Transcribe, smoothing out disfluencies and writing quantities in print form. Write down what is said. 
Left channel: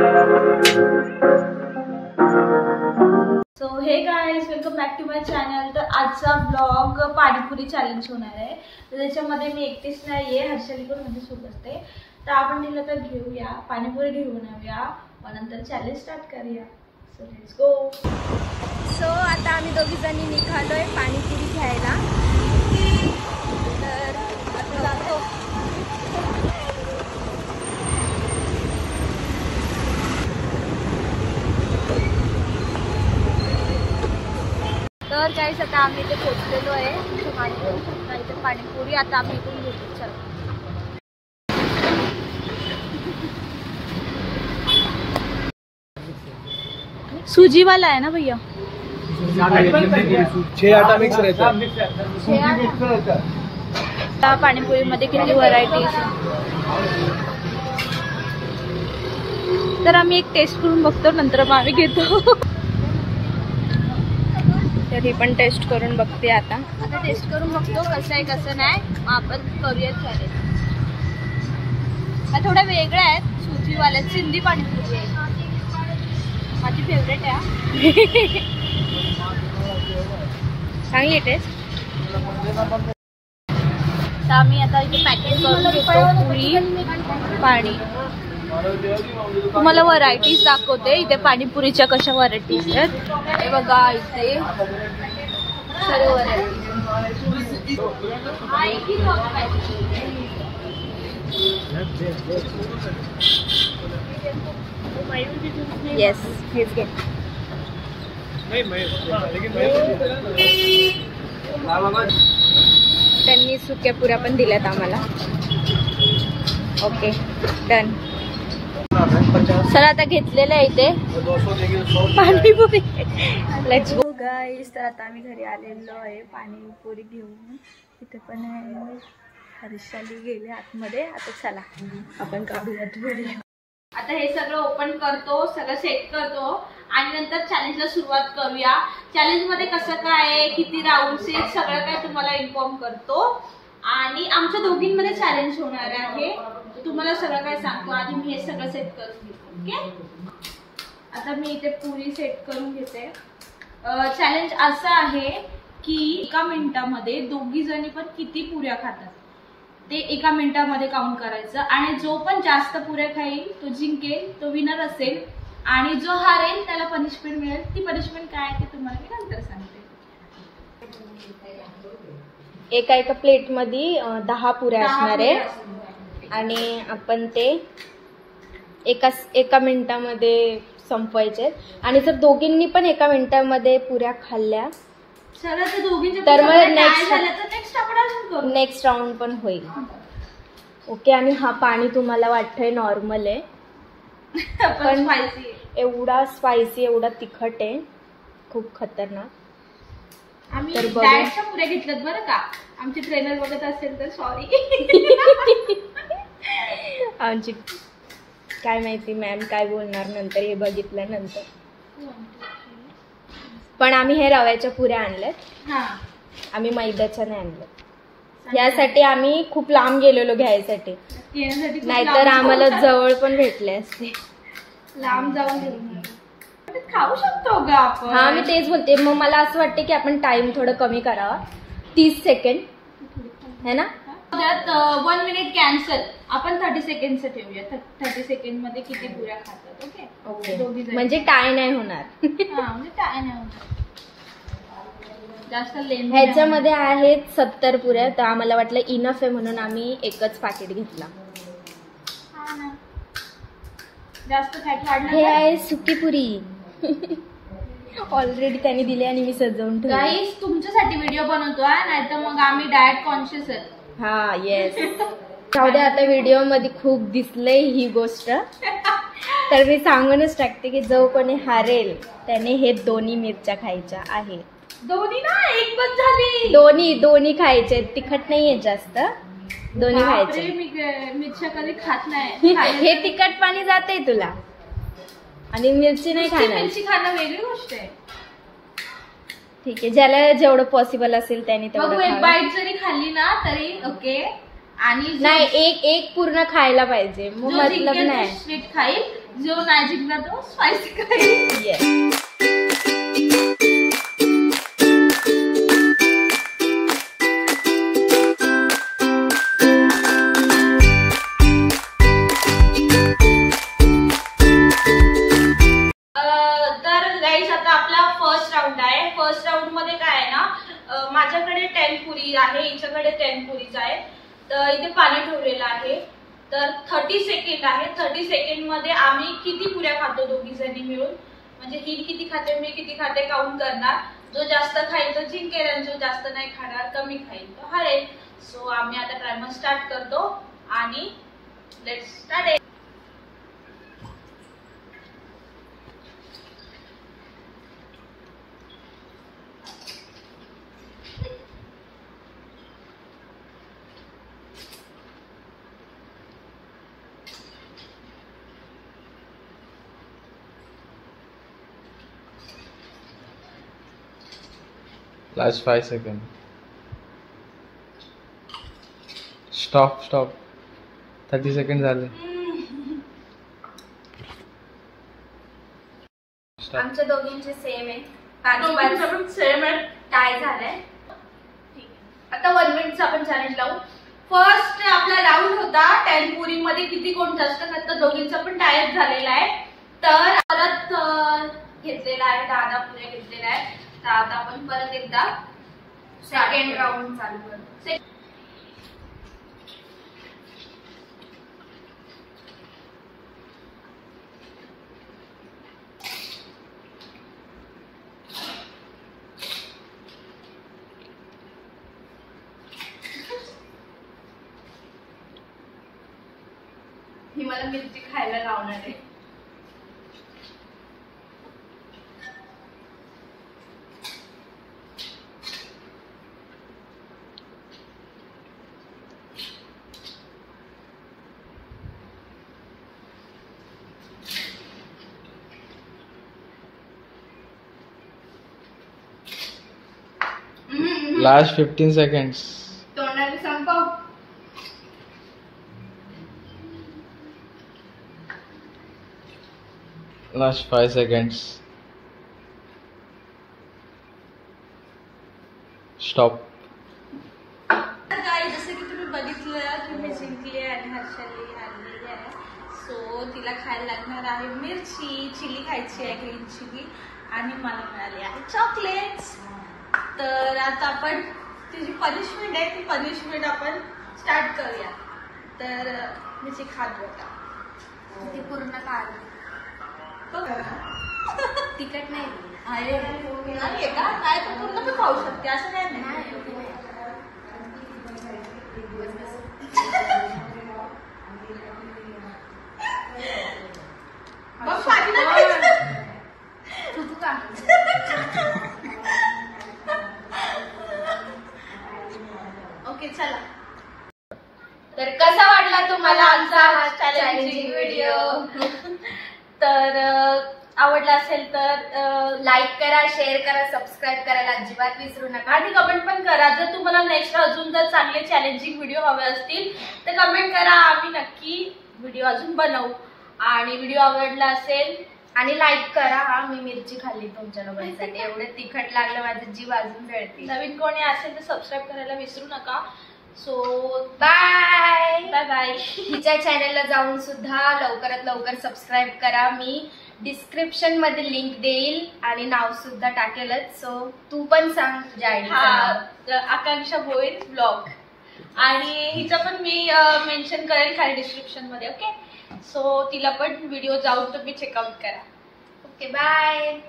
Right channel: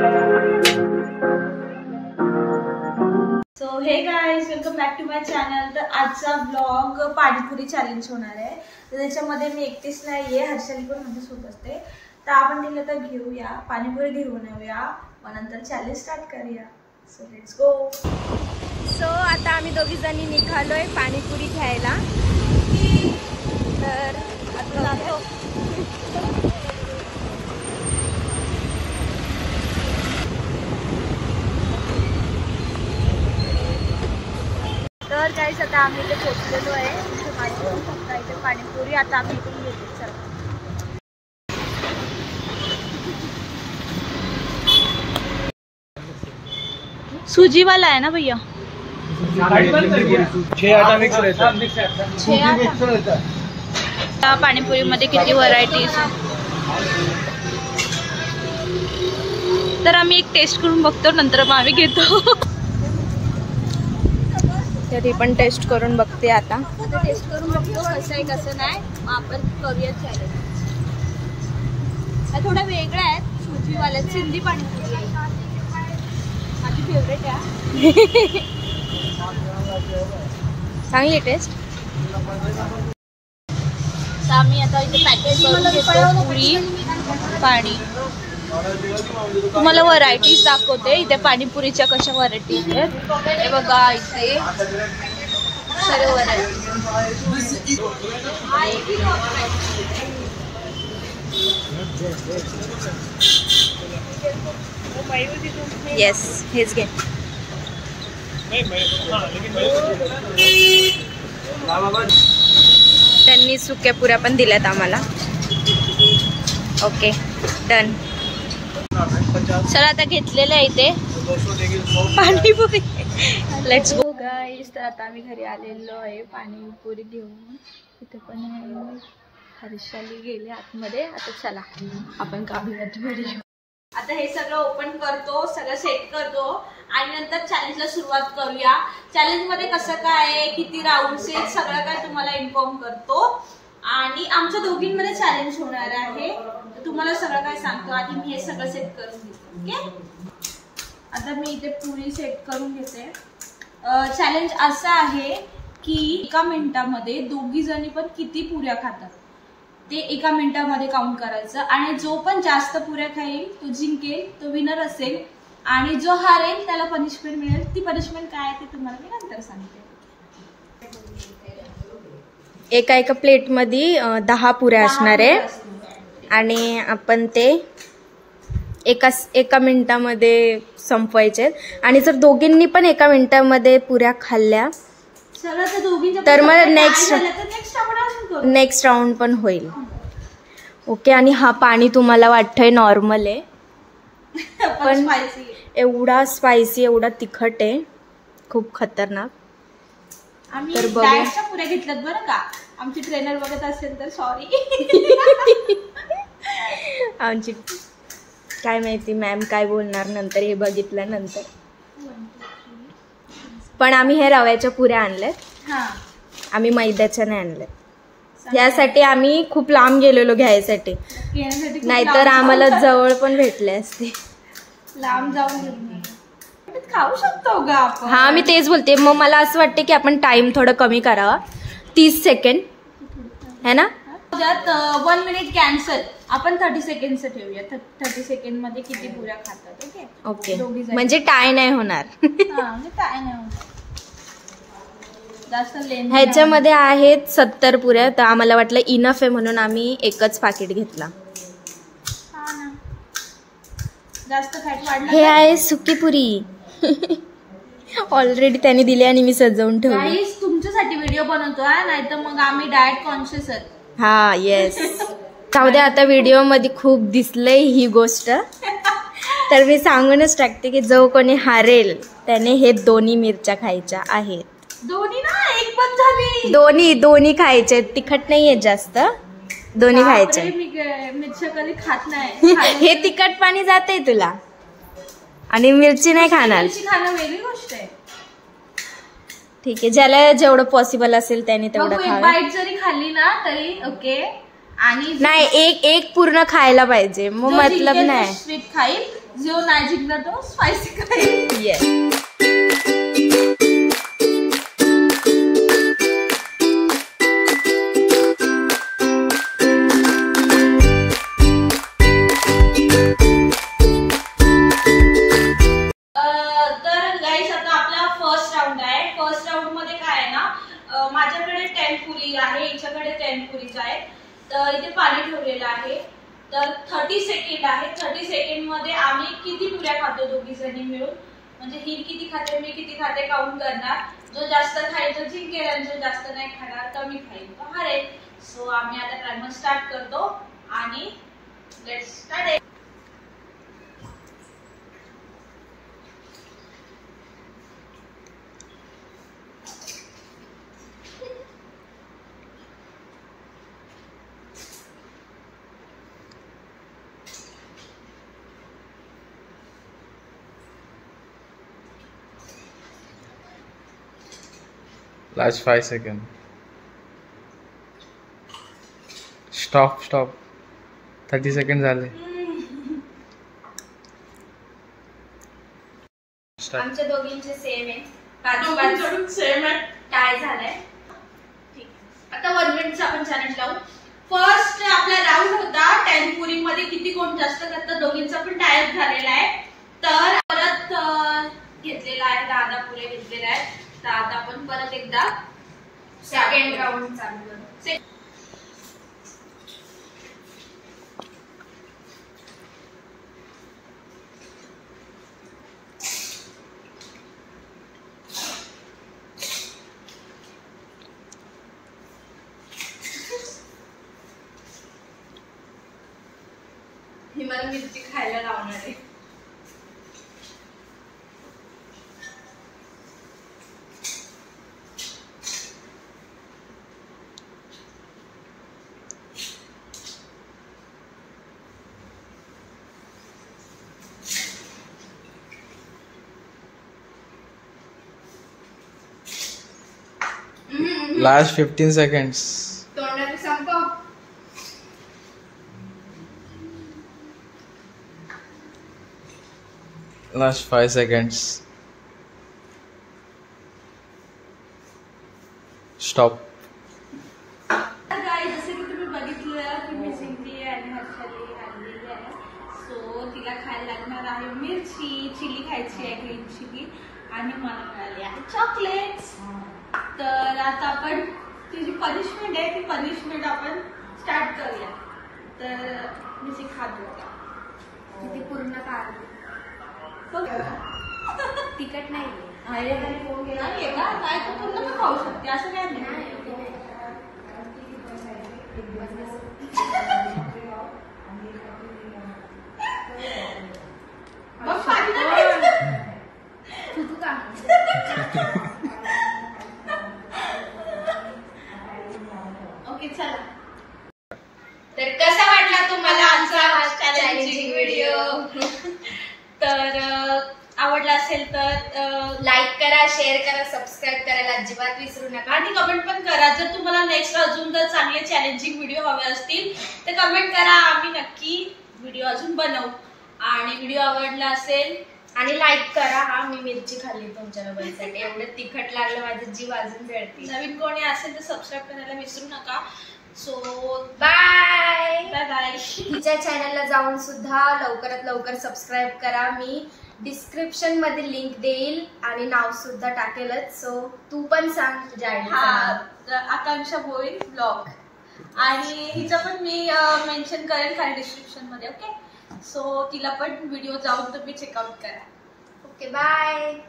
So hey guys, welcome back to my channel. तर आजचा blog panipuri challenge होणार आहे। तर त्याच्यामध्ये मी एकटीच नाहीये, हर्षली पण माझ्या सोबत असते। तर आपण दिलं तर घेऊया पाणीपुरी, घेऊन येऊया, मग नंतर चॅलेंज स्टार्ट करूया। So let's go. सो आता आम्ही दोघी जणी निघालोय पाणीपुरी घ्यायला। तर आता जातो। तर गाईस आता आम्ही इथे पोहोचलेलो आहे। इथे माझी इथे पाणीपुरी आता आम्ही इथून घेतो। चला सूजी वाला है ना भैया? 6 आटा मिक्स रहता है। पाणीपुरी मध्ये किती व्हरायटीज। तर आम्ही एक टेस्ट करून बघतो, नंतर मग आम्ही घेतो। तरी पण टेस्ट करून बघते आता टेस्ट करून बघतो कसं आहे कसं नाही, मग आपण करूया चॅलेंज। हा थोडा वेगळा आहे, सूजीवाला सिंधी पाणीपुरी आहे, माझी फेवरेट आहे। चांगली टेस्ट। तर आम्ही आता इथे पॅकेज करून घेतो पुरी पाणी। तुम्हाला व्हरायटीज दाखवते इथे पाणीपुरीच्या कशा व्हरायटीज आहेत। हे बघा इथे सर्व व्हरायटी। येस, हेच घे। त्यांनी सुक्या पुऱ्या पण दिल्यात आम्हाला। Okay done. सर आता घेतलेलं आहे इथे पाणीपुरी। लेट्स गो गाईस। तर आता आम्ही घरी आलेलो आहे पाणीपुरी घेऊन। इथे पण हर्षाली गेले आतमध्ये। आता चला आपण काढूयात व्हिडिओ। आता हे सगळं ओपन करतो, सगळं सेट करतो आणि नंतर चॅलेंजला सुरुवात करूया। चॅलेंज मध्ये कसं काय, किती राऊंड्स आहेत, सगळं काय तुम्हाला इन्फॉर्म करतो। आणि आमच्या दोघींमध्ये चॅलेंज होणार आहे, तुम्हाला सगळं काय सांगतो। आधी मी हे सगळं सेट करून घेते। ओके, आता मी इथे पुरी सेट करून घेते। चॅलेंज असं आहे की एका मिनिटामध्ये दोघी जणी पण किती पुऱ्या खातात ते एका मिनिटामध्ये काउंट करायचं, आणि जो पण जास्त पुऱ्या खाईल तो जिंकेल, तो विनर असेल। आणि जो हारेल त्याला पनिशमेंट मिळेल। ती पनिशमेंट काय आहे ते तुम्हाला मी नंतर सांगते। एका प्लेटमध्ये 10 पुऱ्या असणार आहे आणि आपण ते एका मिनिटामध्ये संपवायचे। आणि जर दोघींनी पण एका मिनिटामध्ये पुऱ्या खाल्ल्या तर मग नेक्स्ट राऊंड पण होईल। ओके, आणि हा पाणी तुम्हाला वाटतंय नॉर्मल आहे, पण एवढा स्पायसी, एवढा तिखट आहे, खूप खतरनाक। आम्ही डाएटच्या पुऱ्या घेतल्यात बरं का, आमची ट्रेनर बघत असेल तर सॉरी। आमची काय माहिती मॅम काय बोलणार नंतर हे बघितल्यानंतर। पण आम्ही हे रव्याच्या पुऱ्या आणल्यात, आम्ही मैद्याच्या नाही आणल्यात। यासाठी आम्ही खूप लांब गेलेलो घ्यायसाठी, नाहीतर आम्हाला जवळ पण भेटले असते। लांब जाऊन खाऊ शकतो ग आपण। हा मी तेच बोलते। मग मला असं वाटते की आपण टाइम थोडं कमी करावा, 30 सेकंड है ना। 1 मिनिट कॅन्सल, आपण 30 सेकंडचं ठेवूया। 30 सेकंड मध्ये किती पुऱ्या खातात। ओके ओके, म्हणजे टाय नाही होणार। म्हणजे टाय नाही होणार जास्त। ह्याच्यामध्ये आहेत 70 पुऱ्या, तर आम्हाला वाटलं इनफ आहे म्हणून आम्ही एकच पाकिट घेतला। जास्त फॅट वाढलं। हे आहे सुकी पुरी। ऑलरेडी त्यांनी दिली आणि मी सजवून ठेवली। गाईस तुमच्यासाठी व्हिडिओ बनवतोय, नाहीतर मग आम्ही डाएट कॉन्शियस आहेत। हा येस। त्यामध्ये आता व्हिडिओ मध्ये खूप दिसलंय ही गोष्ट, तर मी सांगूनच टाकते की जो कोणी हारेल त्याने हे दोन्ही मिरच्या खायच्या आहेत। दोन्ही ना, एक पण झाली। दोन्ही खायचे, तिखट नाहीये जास्त, दोन्ही खायचे। मिरच्या कधी खात नाही। हे तिखट पाणी जाते तुला, आणि मिरची नाही खाणार। मिरची खाणं वेगळी गोष्ट आहे। ठीक आहे, ज्याला जेवढं पॉसिबल असेल त्याने तेवढं। एक बाईट जरी खाल्ली ना तरी ओके, आणि नाही एक पूर्ण खायला पाहिजे, मग मतलब नाही। स्वीट खाईल जो नाही जिंकला तो स्पायसी खाईल. माझ्याकडे 10 पुरी आहे, हिच्याकडे 10 पुरीज आहे. तर इथे पाणी ठेवलेलं आहे. तर 30 सेकंड आहे. 30 सेकंड मध्ये आम्ही किती पुऱ्या खातो दोघी जणी मिळून, म्हणजे ही किती खाते मी किती खाते काउंट करणार. जो जास्त खाईल तो जिंकेल आणि जो जास्त नाही खाणार कमी खाईल तो हरेल. सो आम्ही आता टायमर स्टार्ट करतो आणि let's start. Last 5 seconds. Stop. 30 seconds झाले. आमच्या दोघींचे सेम आहे. 5 सेम आहे. टाय झालाय. ठीक आहे. आता 1 मिनिटचा आपण चॅलेंज लावू. फर्स्ट आपला राऊंड होता 10 पुरी मध्ये किती कोण जास्त खातं, दोघींचा पण टायअप झालेला आहे. तर परत घेतलेला आहे 10 पुऱ्या घेतलेल्या आहेत. तर आता आपण परत एकदा सेकंड राऊंड चालू करू. ही मला मिरची खायला लावणार आहे. Last 15 seconds. तोंडाने संपव. Last 5 seconds. Stop. गाईस, जसं की तुम्ही बघितलं की मी जिंकली आहे आणि हर्षाली आणलेली आहे. सो तिला खायला लागणार आहे मिरची, चिली खायची आहे, ग्रीन चिली, आणि मला मिळाली आहे चॉकलेट्स. तर आता आपण तिची पनिशमेंट आहे, ती पनिशमेंट आपण स्टार्ट करूया. तर मी ती खातो आता. ती पूर्ण काढ. तिखट नाही आहे का? काय तर पूर्ण पण खाऊ शकते, असं काय नाही. तू का ओके चला. तर कसा वाटला तुम्हाला आमचा चॅलेंजिंग व्हिडिओ? तर आवडला असेल तर लाईक करा, शेअर करा, सबस्क्राईब करायला अजिबात विसरू नका आणि कमेंट पण करा. जर तुम्हाला नेक्स्ट अजून जर चांगले चॅलेंजिंग व्हिडिओ हवे असतील तर कमेंट करा, आम्ही नक्की व्हिडिओ अजून बनवू. आणि व्हिडिओ आवडला असेल आणि लाईक करा. हा, मी मिरची खाल्ली तुमच्या लोकांसाठी. एवढं तिखट लागलं, माझं जीव अजून जळते. नवीन कोणी असेल तर सबस्क्राईब करायला विसरू नका. So bye bye bye. तिच्या चॅनलला जाऊन सुद्धा लवकरात लवकर सबस्क्राईब करा. मी डिस्क्रिप्शन मध्ये लिंक देईल आणि नाव सुद्धा टाकेलच. सो तू पण सांग तुझ्या आयडी. आकांक्षा भोईर ब्लॉग, आणि हिचं पण मी मेन्शन करेल खाली डिस्क्रिप्शन मध्ये. ओके, सो तिला पण व्हिडिओ जाऊन तुम्ही चेकआउट करा. Okay bye.